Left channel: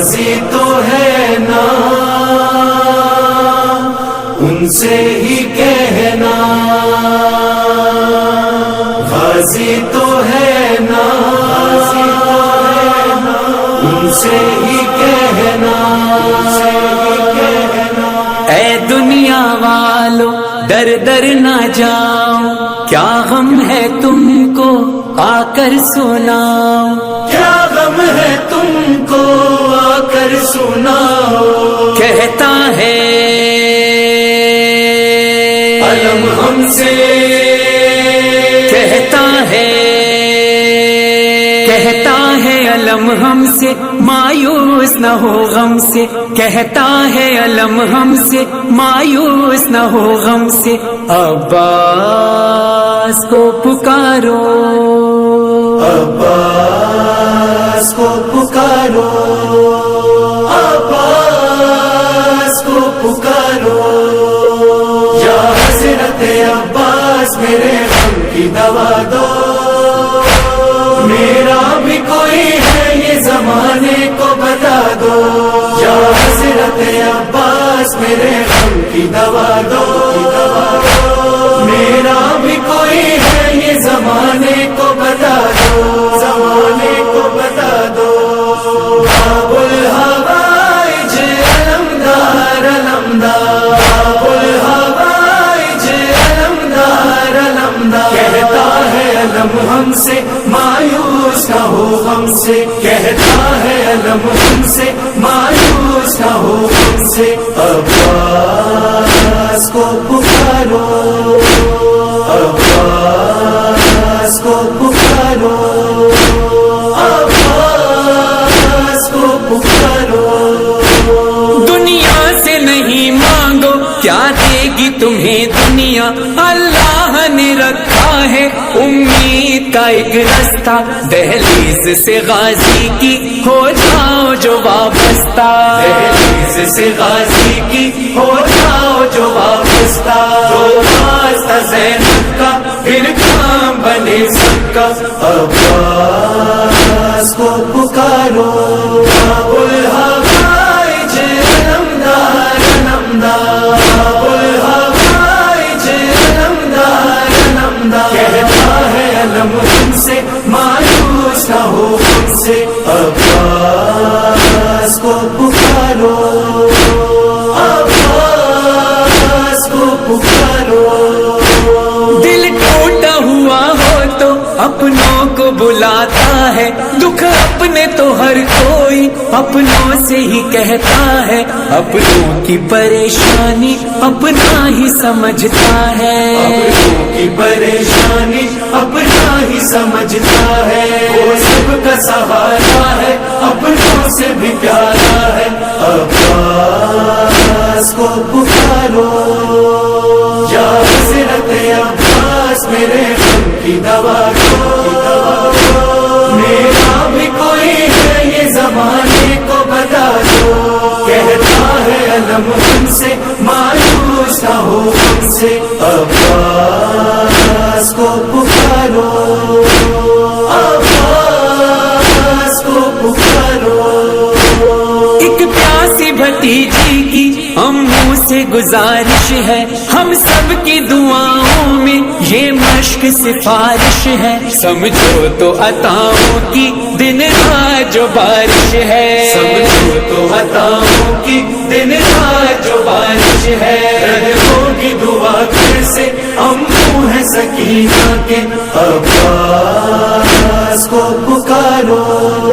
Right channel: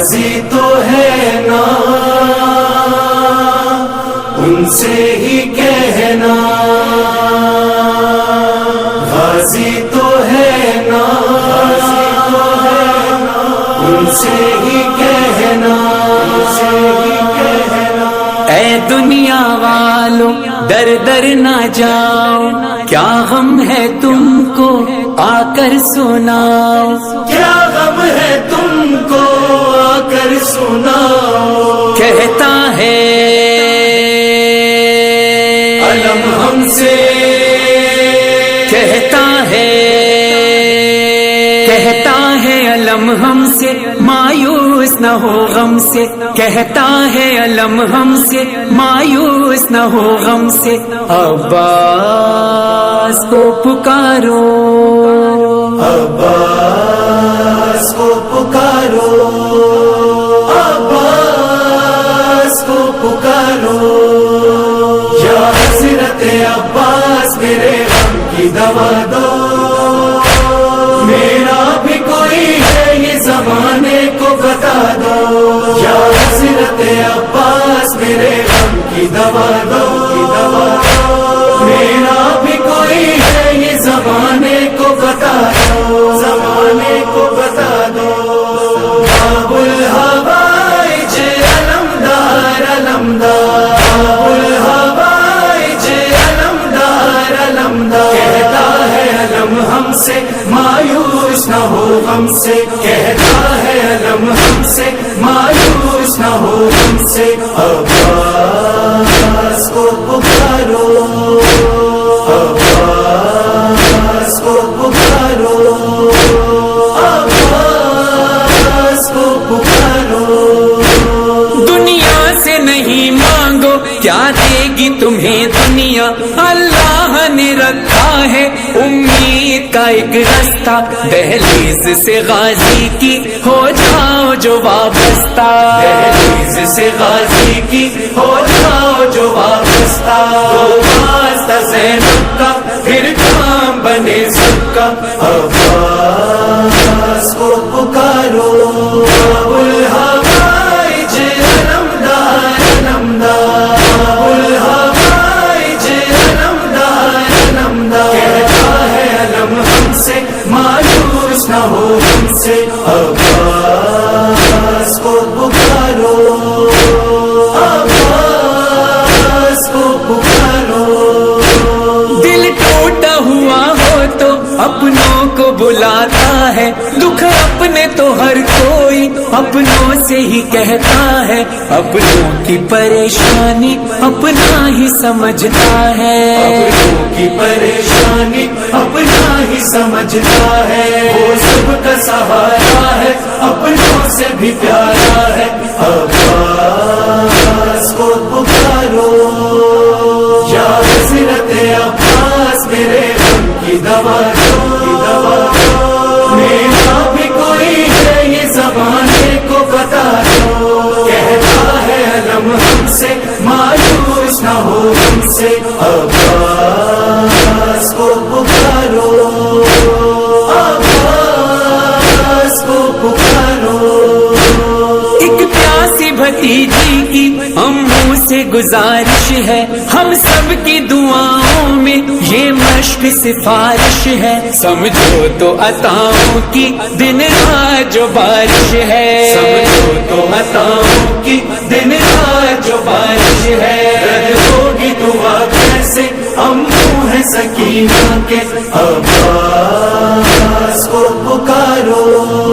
غازی تو ہے نا ان سے ہی کہنا، غازی تو ہے نا ان سے ہی کہنا، اے دنیا والو در در نہ جاؤ، کیا غم ہے تم کو آ کر سناؤ، کیا غم ہے تم کو آ کر سناؤ، کہتا ہے علم ہم سے، کہتا ہے علم ہم سے، مایوس نہ ہو غم سے، کہتا ہے علم ہم سے، مایوس نہ ہو غم سے، عباس کو پکارو، عباس کو پکارو، عباس کو پکارو، یا حضرت عباس میرے غم کی دوا دو، میرا بھی کوئی ہے یہ زمانے کو بتا دو، یا حضرت عباس میرے غم کی دوا دو، میرا بھی کوئی ہے یہ زمانے کو بتا دو، زمانے کو بتا دو، باب الحوائج علمدار علمدار، باب الحوائج علمدار علمدار، کہتا ہے علم ہم سے مایوس نہ ہو غم سے، کہتا ہے علم ہم سے مایوس نہ ہو غم سے، عباس کو پکارو، عباس کو پکارو، عباس کو پکارو، دنیا سے نہیں مانگو کیا دے گی تمہیں دنیا، اللہ نے رکھا ہے امید کا ایک رستہ، دہلیز سے غازی کی ہو جاؤ جو وابستہ، دہلیز سے غازی کی ہو جاؤ جو وابستہ، تو واسطہ زینب کا پھر کام بنے سب کا، عباس کو پکارو، باب الحوائج علمدار علمدار، باب الحوائج علمدار علمدار، کہتا ہے علم ہم سے مایوس نہ ہو ہم سے، عباس کو پکارو، عباس کو پکارو، دل ٹوٹا ہوا ہو تو اپنوں کو بلاتا ہے، دکھ اپنے تو ہر کوئی اپنوں سے ہی کہتا ہے، اپنوں کی پریشانی اپنا ہی سمجھتا ہے، اپنوں کی پریشانی اپنا ہی سمجھتا ہے، وہ سب کا سہارا ہے اپنوں سے بھی پیارا ہے، عباس کو پکارو، یا حضرت عباس میرے غم کی دوا دو، میرا بھی کوئی ہے یہ زمانے کو بتا دو، کہتا ہے علم ہم سے مایوس نہ ہو ہم سے، عباس کو پکارو، عباس کو پکارو، ایک پیاسی بھتیجی کی اموں سے گزارش ہے، ہم سب کی دعاؤں میں یہ مشق سفارش ہے، سمجھو تو عطاؤں کی دن رات جو بارش ہے، سمجھو تو عطاؤں کی دن رات جو بارش ہے، رد ہوگی دعا کیسے اموں ہے سکینہ کے، عباس کو پکارو،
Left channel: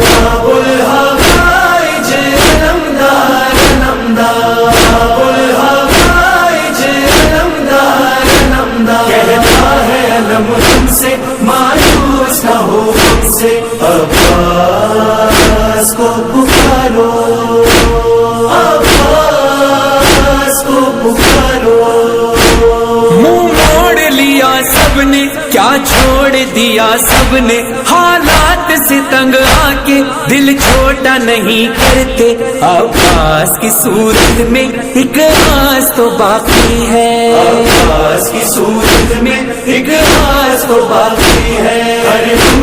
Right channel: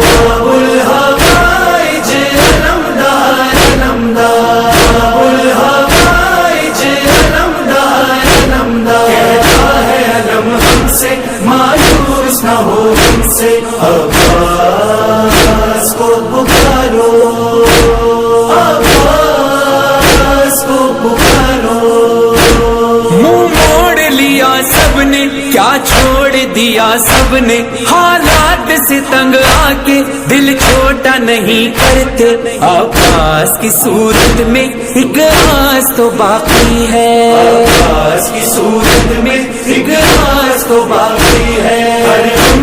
باب الحوائج علمدار علمدار، باب الحوائج علمدار علمدار، کہتا ہے علم ہم سے مایوس نہ ہو ہم سے، عباس کو پکارو، عباس کو پکارو، منہ موڑ لیا سب نے کیا چھوڑ دیا سب نے، حالات سے تنگ آ کے دل چھوٹا نہیں کرتے، عباس کی صورت میں ایک آس تو باقی ہے، عباس کی صورت میں ایک راز تو باقی ہے، ہر غم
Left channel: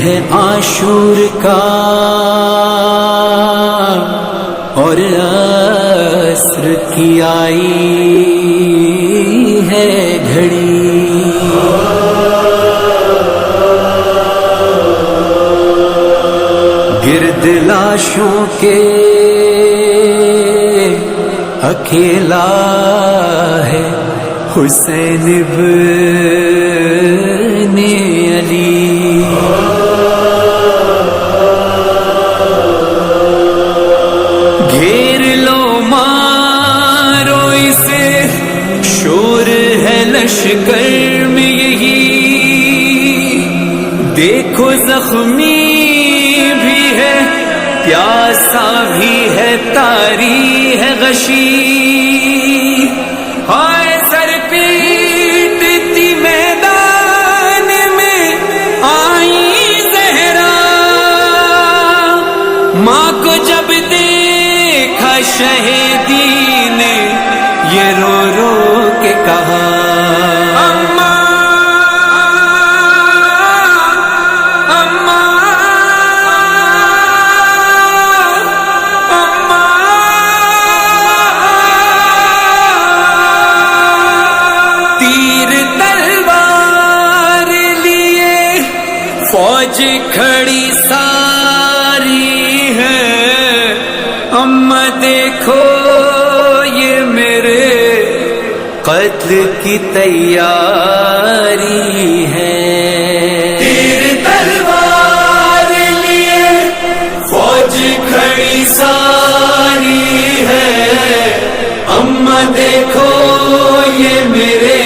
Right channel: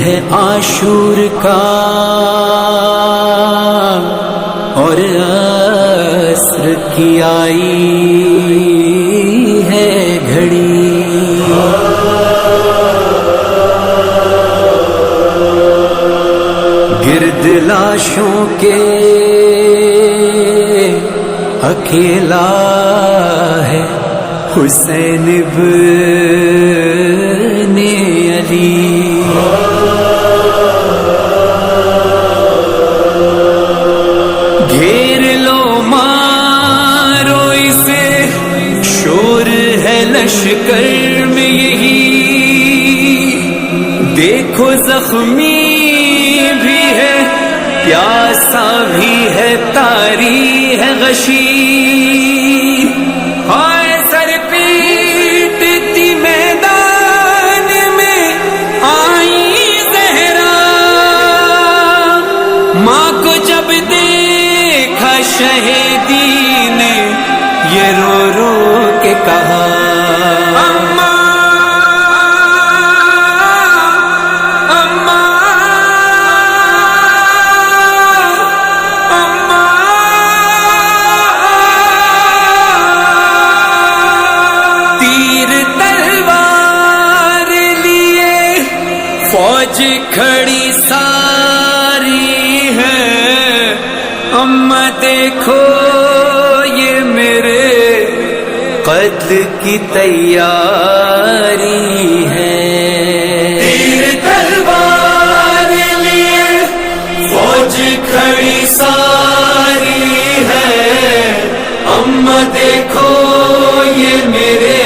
ہے عاشور کا اور عصر کی آئی ہے گھڑی، گرد لاشوں کے اکیلا ہے حسین ابن علی، گھیر لو مارو اسے، شور ہے لشکر میں یہی، دیکھو زخمی بھی ہے پیاسا بھی ہے تاری ہے غشی، ہائے سر پیٹتی میدان میں آئی زہرا، ماں کو جب دیکھا شہیدی نے یہ رو رو کے کہا، فوج کھڑی ساری ہے، اماں دیکھو یہ میرے قتل کی تیاری ہے، تیر تلوار لیے فوج کھڑی ساری ہے، اماں دیکھو یہ میرے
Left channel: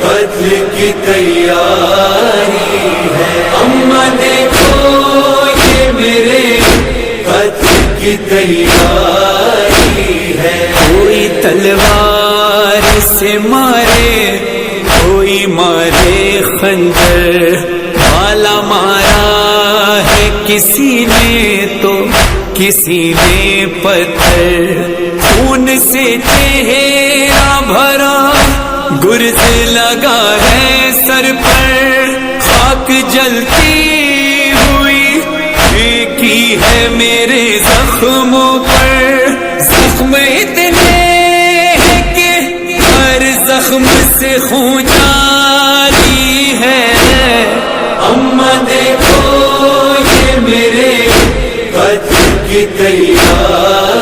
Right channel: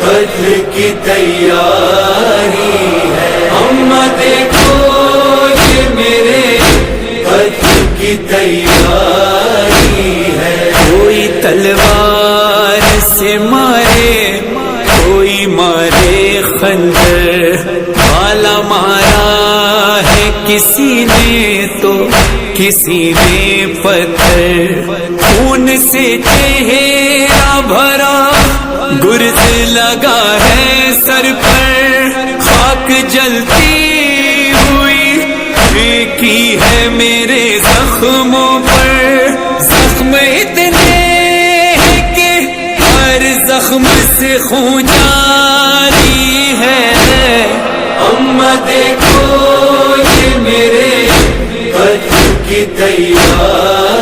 قتل کی تیاری ہے، اماں دیکھو یہ میرے قتل کی تیاری ہے، کوئی تلوار سے مارے کوئی مارے خنجر، بھالا مارا ہے کسی نے تو کسی نے پتھر، خون سے چہرہ بھرا گرز لگا ہے سر پر، خاک جلتی ہوئی پھینکی ہے میرے زخموں پر، زخم اتنے ہیں کہ ہر زخم سے خون جاری ہے، اماں دیکھو یہ میرے قتل کی تیاری